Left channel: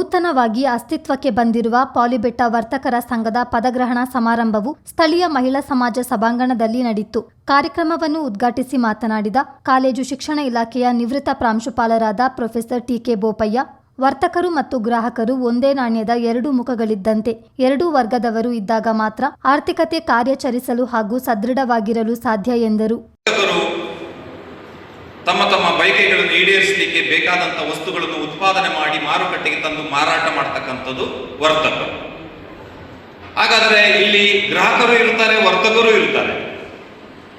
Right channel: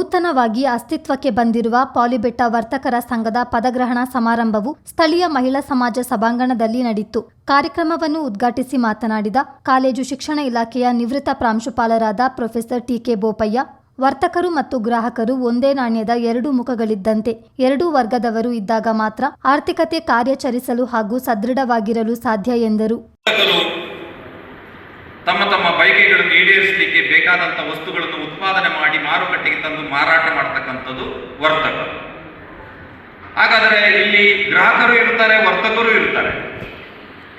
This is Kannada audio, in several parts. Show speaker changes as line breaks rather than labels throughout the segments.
ನೂತನವಾಗಿ ಅಸ್ತಿತ್ವಕ್ಕೆ ಬಂದಿರುವ ಪಾಲಿಬೆಟ್ಟ ವರ್ತಕರ ಸಂಘದ ಪದಗ್ರಹಣ ಸಮಾರಂಭವು ಸ್ಥಳೀಯ ಮಹಿಳಾ ಸಮಾಜ ಸಭಾಂಗಣದಲ್ಲಿ ನಡೆಯಿತು ಕಾರ್ಯಕ್ರಮವನ್ನು ಉದ್ಘಾಟಿಸಿ ಮಾತನಾಡಿದ ಕಾಲೇಜು ಶಿಕ್ಷಣ ಇಲಾಖೆಯ ನಿವೃತ್ತ ಪ್ರಾಂಶುಪಾಲರಾದ ಪ್ರೊಫೆಸರ್ ಟಿಕೆ ಬೋಪಯ್ಯ, ವರ್ತಕರು ಮತ್ತು ಗ್ರಾಹಕರು ಒಂದೇ ನಾಣ್ಯದ ಎರಡು ಮುಖಗಳಿದ್ದಂತೆ ಎರಡೂ ವರ್ಗದವರು ಇದ್ದಾಗ ಮಾತ್ರ ಆರ್ಥಿಕತೆ ಕಾರ್ಯಾಚರಿಸಲು ಹಾಗೂ ಸದೃಢವಾಗಿರಲು ಸಾಧ್ಯ ಎಂದರು.
ತಮ್ಮ ತಮ್ಮ ಬಯಕೆಗಳನ್ನು ಈಡೇರಿಸಲಿಕ್ಕೆ ಬೇಕಾದಂಥ ಉತ್ಪಾದನೆ ಮಾಡಿ ಮಾರುಕಟ್ಟೆಗೆ ತಂದು ಮಾರಾಟ ಮಾಡ್ತಕ್ಕಂಥದ್ದು ವರ್ತಕ. ಹಾಗಾದರೆ ಇಲ್ಲಿ ಗ್ರಾಹಕರು ಇರ್ತಾರೆ, ವರ್ತಕರು ಇರ್ತಾರೆ.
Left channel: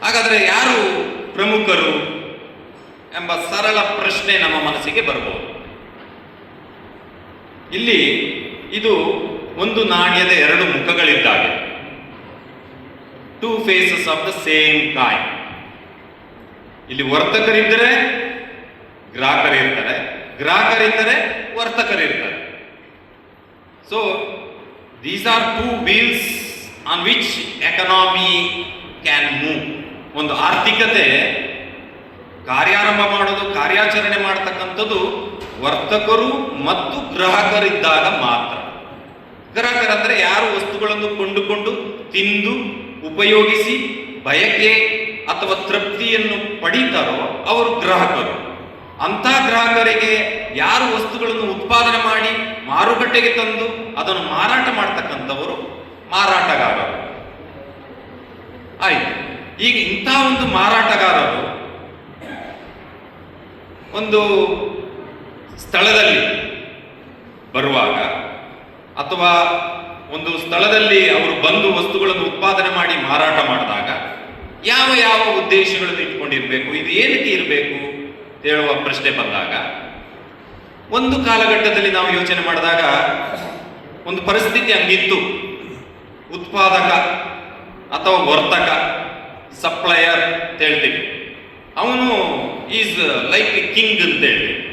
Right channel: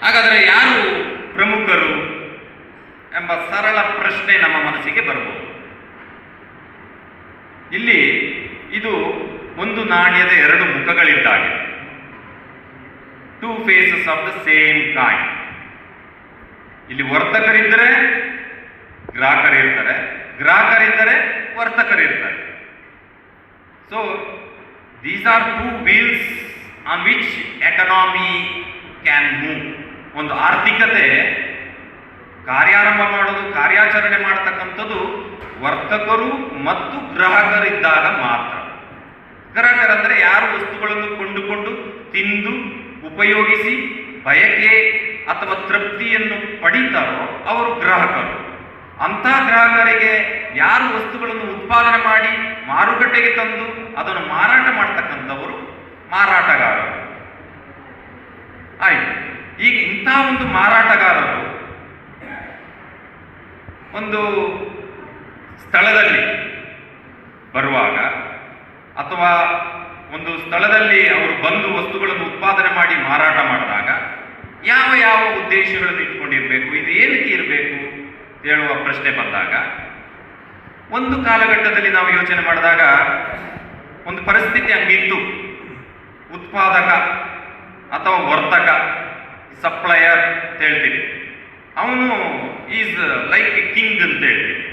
ಹಾಗಾದರೆ ಯಾರು ಪ್ರಮುಖರು ಎಂಬ ಸರಳ ಪ್ರಶ್ನೆ ನಮ್ಮ ಮನಸ್ಸಿಗೆ ಬರಬಹುದು. ಇಲ್ಲಿ ಇದು ಒಂದು ನಾಣ್ಯದ ಎರಡು ಮುಖಗಳಿದ್ದಾಗೆ. Two faces of the same coin ಇಲ್ಲಿ ವರ್ತಕರಿದ್ದರೆ ಗ್ರಾಹಕರಿರ್ತಾರೆ ಗ್ರಾಹಕರಿದ್ದರೆ ವರ್ತಕರಿರ್ತಾರೆ. So these are two wheels on which economy can move ಒಂದು ಆರ್ಥಿಕತೆ ಕಾರ್ಯಾರಂಭ ಮಾಡೋದು, ಕಾರ್ಯಾಚರಣೆ ಮಾಡ್ತಕ್ಕಂಥದ್ದು ವರ್ತಕರು ಮತ್ತು ಗ್ರಾಹಕರಿದ್ದಾಗ ಮಾತ್ರ. ಗ್ರಾಹಕರಂದ್ರೆ ಯಾರು ವಸ್ತುಗಳನ್ನು ಕೊಂಡುಕೊಂಡು ತಿಂದು ಉಪಯೋಗಿಸಿ ಬಯಕೆ ಅಥವಾ ತೃಪ್ತಿಯನ್ನು ಪಡೀತಾರೋ ಅವರು ಗ್ರಾಹಕರು. ಅಂಥ ಗ್ರಾಹಕರಿಗೆ ಯಾರು ವಸ್ತುಗಳನ್ನು ಉತ್ಪಾದನೆ ಮಾಡಿ ಮಾರುಕಟ್ಟೆಗೆ ತಂದು ಅದನ್ನು ಮಾರಾಟ ಮಾಡ್ತಕ್ಕಂಥವರು ಮಾರಾಟಗಾರರು. ಆಯ್ತು. ಈಗ ಇಂಥ ಒಂದು ಮಾರಾಟಗಾರರು ಒಂದು ಸ್ಥಳದಲ್ಲಿ ಬರುವಾಗ ಅಥವಾ ಒಂದು ಸ್ಥಳದಲ್ಲಿ ಅವರು ಬಂದು ವಸ್ತುಗಳನ್ನು ಉತ್ಪಾದನೆ ಮಾಡಿ ಮಾರಾಟ ಮಾಡಿದಾಗ ಯಾವ ಯಾವ ಉದ್ದೇಶಗಳನ್ನು ಇಟ್ಕೊಂಡಿರಬೇಕು, ಇದು ಏನಕ್ಕೆ ಇರಬೇಕು? ಹೇಳುವ ಪ್ರಶ್ನೆ ಬಂದಾಗ, ಒಂದು ಕಾಲಘಟ್ಟದಲ್ಲಿ ನಾವು ಯೋಚನೆ ಮಾಡಿದಾಗ, ಒಂದು ಪರಿಸ್ಥಿತಿ ಹಂಗಿತ್ತು. ಉತ್ಪಾದಕ ಅಥವಾ ವರ್ತಕ ಸಪ್ಲಯರ್ ಅಂತ ಹೇಳ್ತೀವಿ. ಅವನು ಈಸ್ ಲೈಕ್ ಎ ಕಿಂಗ್ ಅಂತ ಹೇಳ್ತೀವಿ.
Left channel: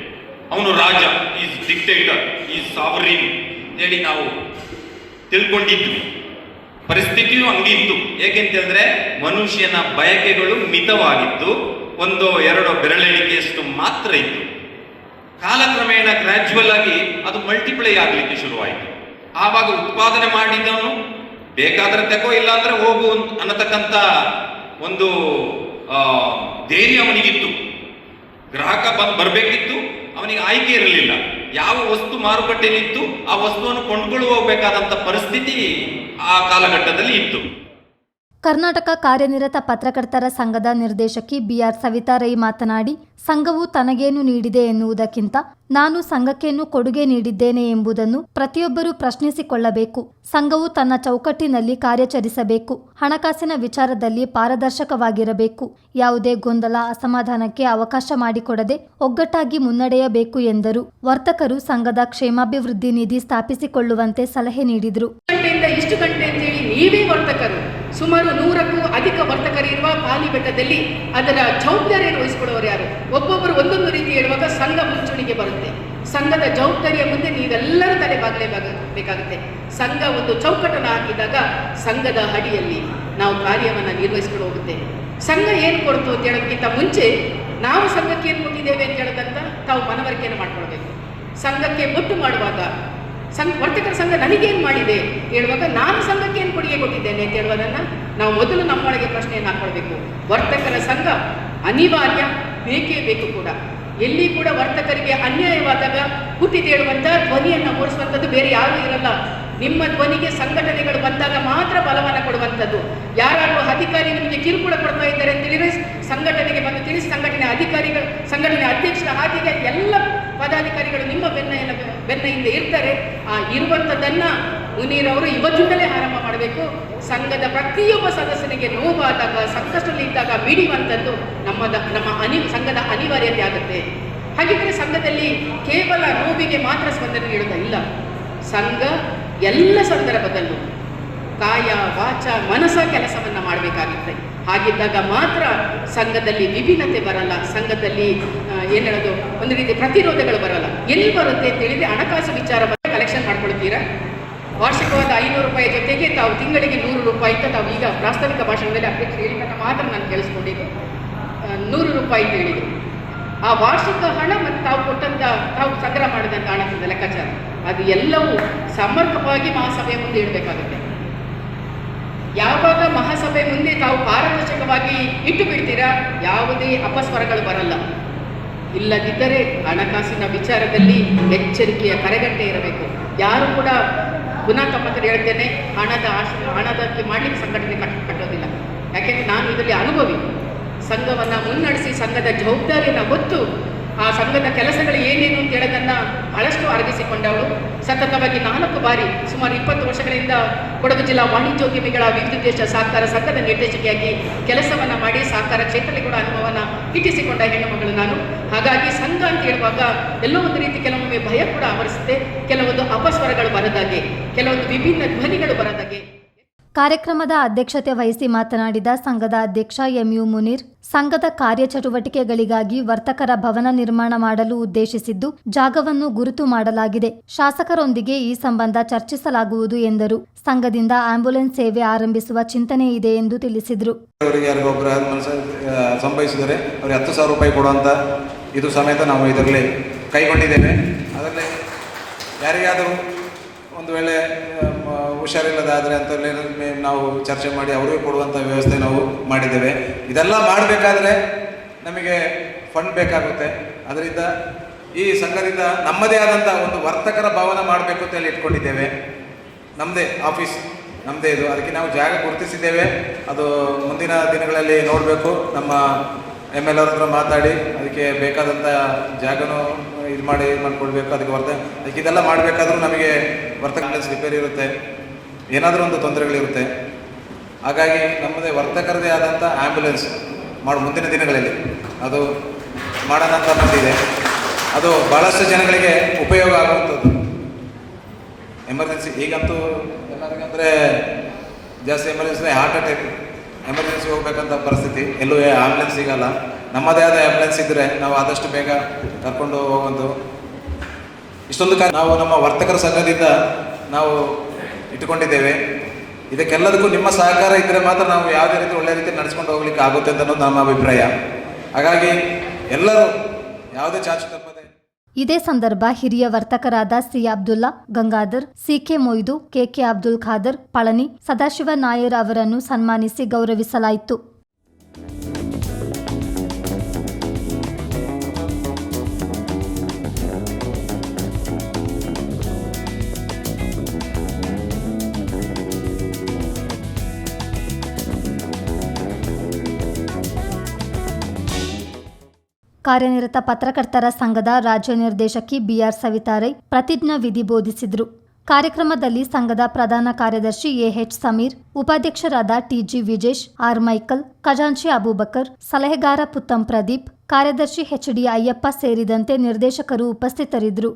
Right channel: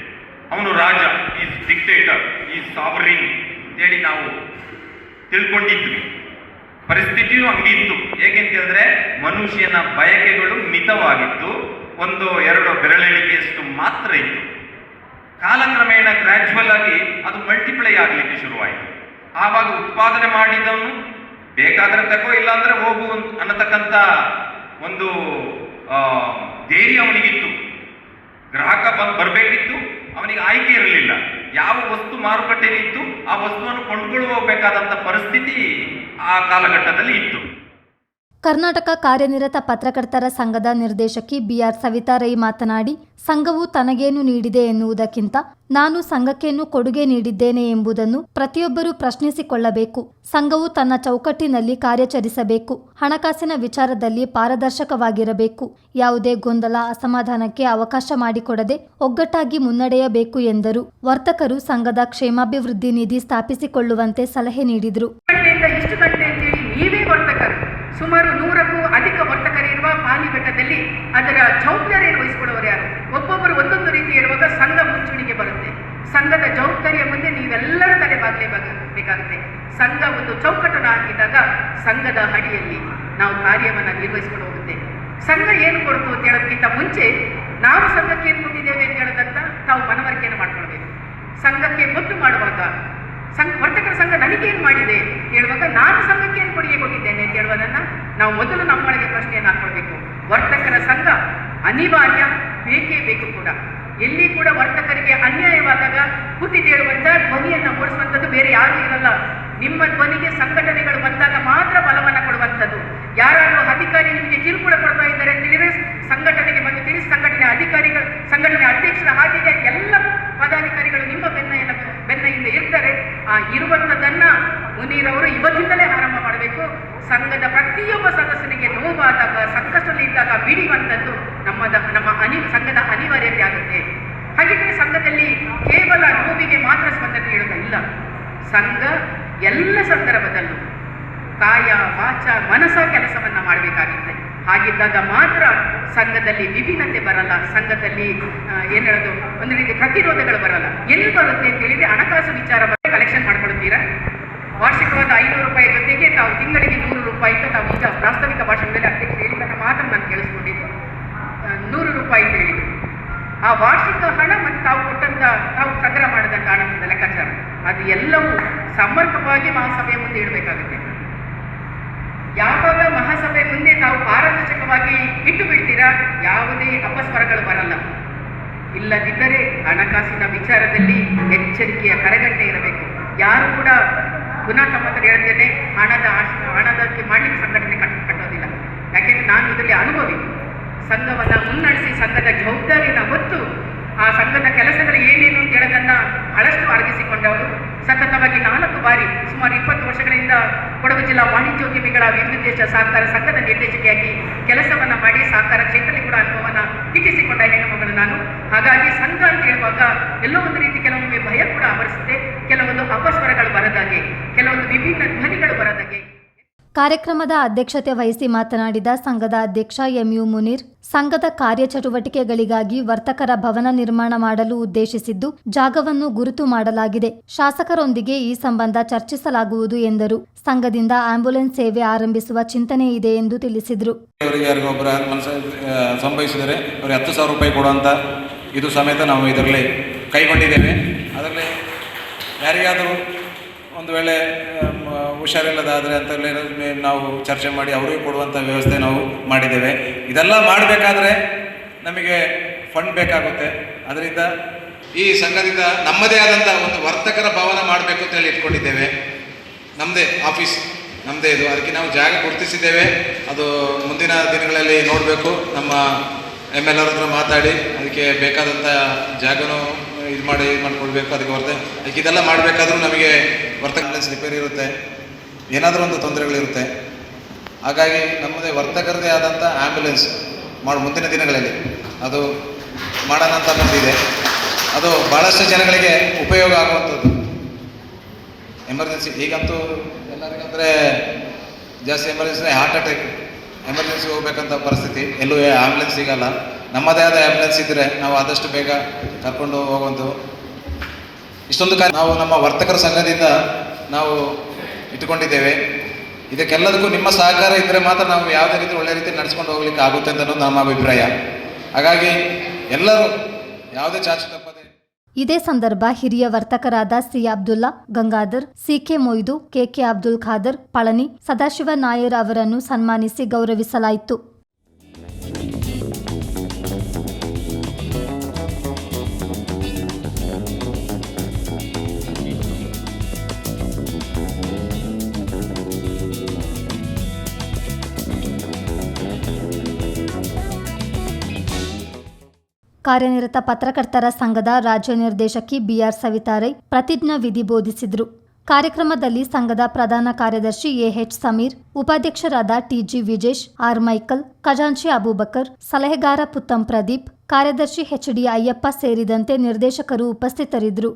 ಅವನು ರಾಜ, ಈಸ್ ಡಿಕ್ಟೇಟರ್ ಈಸ್ ಸಾವರಿನ್ ಅಂತೇಳಿ ನಾವು ತಿಳ್ಕೊಂಡಿದ್ವಿ. ಪರಿಸ್ಥಿತಿಯು ಹಂಗಿತ್ತು. ಏಕೆಂತ ಹೇಳಿದ್ರೆ, ಮನುಷ್ಯನ ಬಯಕೆಗಳು ಮಿತವಾಗಿತ್ತು. ಒಂದು, ಎರಡು ಬೆರಳೆಣಿಕೆಯಷ್ಟು ಮಾತ್ರ ಇತ್ತು. ಕಾಲಕ್ರಮೇಣ ಗ್ರ್ಯಾಜುವಲ್ ಆಗಿ ಅದು ಮಲ್ಟಿಪ್ಲೈ ಆಗಲಿಕ್ಕೆ ಶುರುವಾಯಿತು. ಆವಾಗ ಉತ್ಪಾದನೆ ಮಾಡಿದವನು ಬೇಕಾದ್ರೆ ತಗೋ ಇಲ್ಲಾಂದ್ರೆ ಹೋಗು ಅನ್ನತಕ್ಕಂಥ ಒಂದು ಧೈರ್ಯ ಅವನಿಗಿತ್ತು. ಗ್ರಾಹಕ ಬಂದು ಬರಬೇಕಿತ್ತು, ಅವನಿಗೆ ಆಯ್ಕೆ ಇರಲಿಲ್ಲ. ಯಾವ ವಸ್ತು ಮಾರುಕಟ್ಟೆಯಲ್ಲಿತ್ತು ಆ ವಸ್ತುವನ್ನು ಕೊಂಡ್ಕೊಂಡು ಹೋಗಬೇಕಾದಂಥ ಪರಿಸ್ಥಿತಿ ಆ ಕಾಲಘಟ್ಟದಲ್ಲಿ ಇತ್ತು.
ಕರ್ನಾಟಕ ಕಾರ್ಯನಿರತ ಪತ್ರಕರ್ತರ ಸಂಘದ ನಿರ್ದೇಶಕಿ ಬಿಆರ್ ಸವಿತಾ ರೈ ಮಾತನಾಡಿ, ಸಂಘವು ತನಗೇನು ನೀಡಿದೆ ಎನ್ನುವುದಕ್ಕಿಂತ ನಾನು ಸಂಘಕ್ಕೇನು ಕೊಡುಗೆ ನೀಡಿದ್ದೇನೆ ಎಂಬುದನ್ನು ಪ್ರತಿಯೊಬ್ಬರೂ ಪ್ರಶ್ನಿಸಿಕೊಳ್ಳಬೇಕು. ಸಂಘವು ತನ್ನ ಚೌಕಟ್ಟಿನಲ್ಲಿ ಕಾರ್ಯಾಚರಿಸಬೇಕು. ಹಣಕಾಸಿನ ವಿಚಾರದಲ್ಲಿ ಪಾರದರ್ಶಕವಾಗಿರಬೇಕು. ಯಾವುದೇ ಗೊಂದಲ, ಅಸಮಾಧಾನಕ್ಕೆ ಅವಕಾಶ ಮಾಡಿಕೊಡದೆ ಒಗ್ಗಟ್ಟಾಗಿ ಮುನ್ನಡೆಯಬೇಕು ಎಂದರು. ವರ್ತಕರು ಸಂಘದ ಕ್ಷೇಮಾಭಿವೃದ್ಧಿ ನಿಧಿ ಸ್ಥಾಪಿಸಿಕೊಳ್ಳುವಂತೆ ಸಲಹೆ ನೀಡಿದರು.
ಸುಮಾರು ನೂರಕ್ಕೂ ಅಧಿಕ ವರ್ತಕರಿರುವ ಪಾಲಿ ಬೆಟ್ಟದಲ್ಲಿ ಅದರ ಜವಾಬ್ದಾರಿಯನ್ನು ವಹಿಸಿಕೊಳ್ಳುವರು ಯಾರು? ಒಬ್ಬೊಬ್ಬರು ಒಂದೊಂದು ರೀತಿ ಹೇಳುವಾಗ ಸಂಘ ಮುಂಚೂಣಿಗೆ ಬರುತ್ತೆ. ಸಂಘದ ಜವಾಬ್ದಾರಿಯ ಮುಂದೆ ನೀವೆಲ್ಲರೂ ತಲೆ ಬಾಗಲೇಬೇಕಾಗುತ್ತೆ ಸಂಘ ಒಂದು ಚೌಕಟ್ಟನ್ನು ಹಾಕಿದಾಗ ಸಂಘದ ಅಡಿಯಲ್ಲಿ ನಾವು ಕಾರ್ಯವನ್ನು ನಿರ್ವಹಿಸಿಕೊಂಡು ಹೋಗುತ್ತೆ. ಸಂಘ ಏನು ಕೊಡ್ತು ಅಂತ ಹೇಳೋದಕ್ಕಿಂತ ಮುಂಚೆ ನಾವು ಸಂಘಕ್ಕೆ ಏನು ಕೊಟ್ಟಿದ್ದೇವೆ ಅಂತ ಹೇಳೋದಂತ ತಾವು ಮನವರಿಕೆಯನ್ನು ಮಾಡ್ಕೊಳ್ಬೇಕು. ಸಂಘಕ್ಕೆ ಮುಟ್ಟು ಮಾಡುವಾಗ ಸಂಘ, ವರ್ತಕರ ಸಂಘ ನನಗೇನು ಮಾಡಿದೆ? ಹೇಳುವಾಗ ನಾನು ಸಂಘಕ್ಕೆ ಏನು ಕೊಡುಗೆ ಕೊಟ್ಟಿದ್ದೇನೆ ಅಂತ ಹೇಳುವುದನ್ನು ನಾವು ಮೊದಲು ನಮ್ಮೊಳಗೆ ಪ್ರಶ್ನೆಯನ್ನು ಹಾಕೊಳ್ಬೇಕು. ವರ್ತಕರ ಸಂಘ ಅನಿವಾರ್ಯ, ಬೇಕೇ ಬೇಕು ಕೂಡ. ಎಲ್ಲಿ ಕೂಡ ವರ್ತಕರಿಗೆ ಅನ್ಯಾಯವಾದಾಗ ಹುಟ್ಟಿದೇಳುವಂಥ ಧ್ವನಿಯನ್ನು ಮೂಡಿಸುವಂಥದ್ದು ಬೇರೆ ಯಾರೂ ಇರಲ್ಲ. ನಿಮ್ಮ ಧ್ವನಿಗೆ ಸಂಘಟನೆಗಳು ಬಂದಾಗ ಮಾತ್ರ ಬಲವನ್ನು ಕೊಡುವಂಥದ್ದು. ಯಾರಾದರೂ ಅಧಿಕಾರಿ ನಿಮಗೆ ಕಿರುಕುಳ ಕೊಡ್ತಾ ಇದ್ದಾರೆ ಅಂತ ಸಂಘಟನೆಗೆ ಬಂದು ತಿಳಿಸಿ ಸಂಘಟನೆ ಅಧಿಕಾರಿಗಳು, ಸಂಘಟನೆ ಅಧ್ಯಕ್ಷರ ಹಾದಿಗೆ ಎಲ್ಲ ಪದಾಧಿಕಾರಿಗಳು ನಿಮ್ಮ ಬೆನ್ನ ಎಲ್ಲ ಬೆನ್ನ ಹಿಂದೆ ಇರ್ತಾರೆ. ಆ ಇರುವಂಥದ್ದನ್ನ ಮುನೀರವರು ಇವತ್ತಿಂದಲೇ ಆರಂಭ ಮಾಡಬೇಕು. ಸಂಘದ ಪ್ರತಿಯೊಬ್ಬ ಸದಸ್ಯನಿಗೆ ನೋವಾದಾಗ, ಸಂಕಷ್ಟದಲ್ಲಿ ಇದ್ದಾಗ ಮಿಡಿಯುವಂಥದ್ದು ನಮ್ಮದ ನಮ್ಮ ಅನಿ ಸಂಘದ ಅನಿವಾರ್ಯತೆ ಆಗುತ್ತೆ. ಹಾಗಿದ್ರೆ ಸಂಘದಲ್ಲಿ ಕೇವಲ ನೋವಿಗೆ ಮಾತ್ರ ಸ್ಪಂದನೆ ಇಲ್ಲ. ಸಂಘ ಎಲ್ಲ ಸಂದರ್ಭದಲ್ಲೂ ಕಾಯ, ವಾಚ ಮನಸ ಕೆಲಸವನ್ನ ಮಾಡಬೇಕಾಗುತ್ತೆ ಹಾಗಿದ್ದಾಗ ಮಾತ್ರ ಸಂಘದಲ್ಲಿ ವಿಭಿನ್ನತೆ ಬರಲ್ಲ, ಸಂಘದಲ್ಲಿ ಏನು ಹೇಳೋದು, ಒಂದು ರೀತಿ ಪ್ರತಿರೋಧಗಳು ಬರಲ್ಲ. ಎಲ್ಲಿ ಬರುತ್ತೆ ಅಂತ ಹೇಳಿದ್ರೆ ಹಣಕಾಸು ವಿಚಾರ ಬಗ್ಗೆ ಕಲೆಕ್ಷನ್ ಮಾಡ್ಕೊಳ್ತೀರಾ? ವಾರ್ಷಿಕವಾದ ಐನೂರು ರೂಪಾಯಿ ಜೊತೆಗೆ ತಾವು ತಿಂಗಳಿಗೆ ನೂರು ರೂಪಾಯಿ ಅಂತ ತಾವು ಈಗ ಪ್ರಾಸ್ತಾವಿಕ ಭಾಷಣದಲ್ಲಿ ಅಧ್ಯಕ್ಷ ಹೇಳಿದಾಗ ಮಾತ್ರ ನಾನು ಕೇಳಿಸ್ಕೊಂಡಿದ್ದು. ನೂರು ರೂಪಾಯಿ ಅಂತ ಹೇಳಿದ್ರು. ಆ ವಾರ್ಷಿಕ ಹಣ ಮತ್ತು ತಾವು ಕೊಟ್ಟಂತ, ತಾವು ಸಂಗ್ರಹ ಮಾಡಿದಂಥ ಹಣದ ಲೆಕ್ಕಾಚಾರ. ಅದು ಎಲ್ಲವೂ ಸಮರ್ಪಕವಾಗಿ ಮಹಾಸಭೆಯ ಮುಂದೆ ಇಡಬೇಕಾಗುತ್ತೆ. ಯಾವಾಗ ಮಹಾಸಭೆ ಮುಂದೆ ತಾವು ಪಾರದರ್ಶಕವಾಗಿ ಇಟ್ಟು ಬಿಡ್ತೀರಾ ಯಾವುದೇ ಅಪಸ್ವರಗಳು ಬರಲ್ಲ. ಇಲ್ಲದಿದ್ದರೆ ಹಣಕಾಸಿನ ವಿಚಾರದಲ್ಲಿ ಎಚ್ಚರಿಕೆಯ ಕರೆಗಂಟೆ ಇರಬೇಕು. ಯಾರು ಕೂಡ ಪುನಃ ತಮ್ಮ ಹತ್ರ ಹೇಳ್ತೇನೆ, ಹಣದ ಆಶ, ಹಣದಕ್ಕೆ ಮಾಡಲಿಕ್ಕೆ ಸಂಘಟನೆ ಕಟ್, ಕಟ್ಟೋದಿಲ್ಲ. ಯಾಕೆಂದ್ರೆ ನಾನು ಇದರಲ್ಲಿ ಅನುಭವಿ. ಸಂಘವನ್ನು ಮುನ್ನಡೆಸಿ ಸಂಘದ ಜವಾಬ್ದಾರಿಯನ್ನು ಹೊತ್ತು ಆ ಸಂಘದ ಕೆಲಸಗಳು ಏನೇನು ಅಂತ ಹೇಳೋದನ್ನ ಬಹಳಷ್ಟು ಅರಗಿಸಿಕೊಂಡವರು ಸತತವಾಗಿ ನಾಲ್ಕು ಬಾರಿ, ಸುಮಾರು ಇಪ್ಪತ್ತು ವರ್ಷಗಳಿಂದ ಕೊಡಗು ಜಿಲ್ಲಾ ವಾಣಿಜ್ಯೋದ್ಯಮಿಗಳ ವಿವಿಧ ಸಹಕಾರ ಸಂಘದ ನಿರ್ದೇಶಕಿಯಾಗಿ ಕೆಲಸವನ್ನ ಮಾಡಿ ಸಹಕಾರ ಕ್ಷೇತ್ರದಲ್ಲಿ ಕೂಡ ಅನುಭವನ ಗಿಟ್ಟಿಸಿಕೊಂಡ ಹೆಣ್ಣುಮಗಳು ನಾನು. ಹಾಗಾಗಿ ಸಂಘ ಅಂತ ಹೇಳುವಾಗ ಎಲ್ಲೋ ಒಂದು ರೀತಿ ಕೆಲವೊಮ್ಮೆ ಭಯ ಕೂಡ ಆವರಿಸುತ್ತೆ. ಕೆಲವೊಂದು ಅಪಸ್ವರಗಳು ಬರದಾಗೆ ಕೆಲವೊಂದು ವಿಭಿನ್ನ ಧ್ವನಿಗಳು ಬರದಾಗೆ
ಕಾರ್ಯಕ್ರಮದ ಅಧ್ಯಕ್ಷತೆ ವಹಿಸಿ ಮಾತನಾಡಿದ ಸಂಘದ ಅಧ್ಯಕ್ಷ ಎಂಯು ಮುನೀರ್, ಸಂಘದ ಕಾರ್ಯಚಟುವಟಿಕೆಗಳಿಗಾಗಿ ವರ್ತಕರ ಭವನ ನಿರ್ಮಾಣ ಮಾಡಲು ಉದ್ದೇಶಿಸಿದ್ದು, ಜಾಗವನ್ನು ಗುರುತು ಮಾಡಲಾಗಿದೆ. ಶಾಸಕರೊಂದಿಗೆ ಈ ಸಂಬಂಧ ಚರ್ಚಿಸಲಾಗುವುದು ಎಂದರು. ಸಂಘದಿಂದ ಆಂಬ್ಯುಲೆನ್ಸ್ ಸೇವೆ ಆರಂಭಿಸುವ ಚಿಂತನೆ ಇದೆ ಎಂದು ತಿಳಿಸಿದರು.
ಸಂಭವಿಸಿದರೆ ಹತ್ತು ರೂಪಾಯಿ ಕೊಡುವಂತ ಇದು ಸಮೇತ ನಾವು ಇದರಲ್ಲಿ ಕೈಗೊಂಡಿದ್ದೇವೆ. ಅದರಲ್ಲಿ ಯಾರಿಗಾದರೂ ಒಂದು ವೇಳೆ ಹುಷಾರಿಲ್ಲದಾದರೆ ಅಂತ ಹೇಳಿ ನಾವು ಚರ್ಚೆ ಮಾಡಿ ಅವರಿಗೆ ಕೊಡುವಂಥ ವ್ಯವಸ್ಥೆ ನಾವು ಮಾಡಿದ್ದೇವೆ. ಇದೆಲ್ಲ ಮಾಡಬೇಕಾದ್ರೆ ನಮಗೆ ಫಂಡ್ ಬೇಕಾಗುತ್ತೆ. ಅದರಿಂದ ಈ ಸಂಘದಿಂದ ನಮ್ಮದೇ ಆದಂಥ ಒಂದು ವರ್ತಕರ ಭವನ ಮಾಡಬೇಕು ಅಂತ ಹೇಳಿ ಇಟ್ಕೊಂಡಿದ್ದೇವೆ. ನಮ್ಮದೇ ಆಫೀಸ್ ನಮ್ಮದೇ ಇದು. ಅದಕ್ಕೆ ನಾವು ಜಾಗ ಗುರುತಿಸಿದ್ದೇವೆ. ಅದು ಮುಂದಿನ ದಿನಗಳಲ್ಲಿ ನೋಡಬೇಕು. ನಮ್ಮ ಎಂ ಎಲ್ ಆರ್ ಹತ್ರ ಮಾತಾಡಿ, ಅದಕ್ಕೆ ಬೇಕಾದಂಥ ಜಾಗನೂ ಇದು ಮಾಡಿ, ಇದು ಮಾಡಿಕೊಡ್ಬೇಕು. ಅದಕ್ಕೆ ವರ್ತ ಅದಕ್ಕೆ ಇದೆಲ್ಲ ಮಾಡಬೇಕಾದ್ರೂ ನಮಗೆ ವರ್ತಕ ರಿಪೇರಿ ಇರುತ್ತೆ. ಏನಾದರೂ ಒಂದು ತೊಂದರೆಗಳಿರುತ್ತೆ, ಹಾಗಾಗಿ ನಮ್ಮದೇ ವರ್ತಕರದೇ ಆದಂಥ ಆ್ಯಂಬುಲೆನ್ಸ್ ಮಾಡಿ, ಮುಂದಿನ ದಿನಗಳಲ್ಲಿ ಅದು ಮಾಡೋಣ ಅಂತ ಬಂದಿದೆ. ಅದು ಭಾಳಷ್ಟು ಜನಗಳಿಗೆ ಉಪಯೋಗ ಆಗುವಂಥದ್ದು. ಎಮರ್ಜೆನ್ಸಿ ಈಗಂತೂ ಎಲ್ಲರಿಗಂದರೆ ಜಾಸ್ತಿ ಎಮರ್ಜೆನ್ಸಿ ಹಾರ್ಟ್ ಅಟ್ಯಾಕ್ ಎಮರ್ಜೆನ್ಸಿ ಹೋಗ್ಬೇಕಂತ ಪರಿಸ್ಥಿತಿ. ಎಲ್ಲೂ ಆಂಬುಲೆನ್ಸ್ ಸಿಗಲ್ಲ. ನಮ್ಮದೇ ಆದ ಆ್ಯಂಬುಲೆನ್ಸ್ ಇದ್ದರೆ ನಾವು ಆದಷ್ಟು ಬೇಗ ಕರ್ಕೊಂಡು ಹೋಗುವಂಥವು ಇಷ್ಟೊಂದು ನಾವು ನಮ್ಮ ವರ್ತಕರ ಸಂಘದಿಂದ ನಾವು ಇಟ್ಟುಕೊಂಡಿದ್ದೇವೆ. ಇದಕ್ಕೆಲ್ಲದಕ್ಕೂ ನಿಮ್ಮ ಸಹಕಾರ ಇದ್ದರೆ ಮಾತ್ರ ನಾವು ಯಾವುದೇ ರೀತಿ ಒಳ್ಳೆ ರೀತಿ ನಡೆಸ್ಕೊಂಡು ಹೋಗ್ಲಿಕ್ಕೆ ಆಗುತ್ತೆ ಅಂತ ನಮ್ಮ ಅಭಿಪ್ರಾಯ. ಹಾಗಾಗಿ ಎಲ್ಲರೂ ಯಾವುದೇ ಚಾಚು ತಪ್ಪದೆ.
ಇದೇ ಸಂದರ್ಭ ಹಿರಿಯ ವರ್ತಕರಾದ C Abdulla Gangadhar, CK Moidu, KK Abdul Khader, Palani, Sadashiva Nair ಅವರನ್ನು ಸನ್ಮಾನಿಸಿ ಗೌರವಿಸಲಾಯಿತು. ಕಾರ್ಯನಿರತ ಪತ್ರಕರ್ತರ ಸಂಘದ ರಾಜ್ಯ ನಿರ್ದೇಶಕಿ ಬಿಆರ್ ಸವಿತಾರೈ ಪ್ರತಿಜ್ಞಾ ವಿಧಿ ಬೋಧಿಸಿದರು. ಕಾರ್ಯಕ್ರಮದಲ್ಲಿ ಸಂಘದ ಪ್ರಧಾನ ಕಾರ್ಯದರ್ಶಿ ಎಎಚ್ ಸಮೀರ್, ಉಪಾಧ್ಯಕ್ಷರಾದ ಟಿಜಿ ವಿಜೇಶ್, ಆರ್. ಮೈಕಲ್, ಖಜಾಂಚಿ ಅಬೂಬಕರ್, ಸಲಹೆಗಾರ ಪುತ್ತಂ ಪ್ರದೀಪ್, ಕಾರ್ಯದರ್ಶಿ ಎಚ್ಡಿ ಅಯ್ಯಪ್ಪ ಸೇರಿದಂತೆ ನಿರ್ದೇಶಕರು ಉಪಸ್ಥಿತರಿದ್ದರು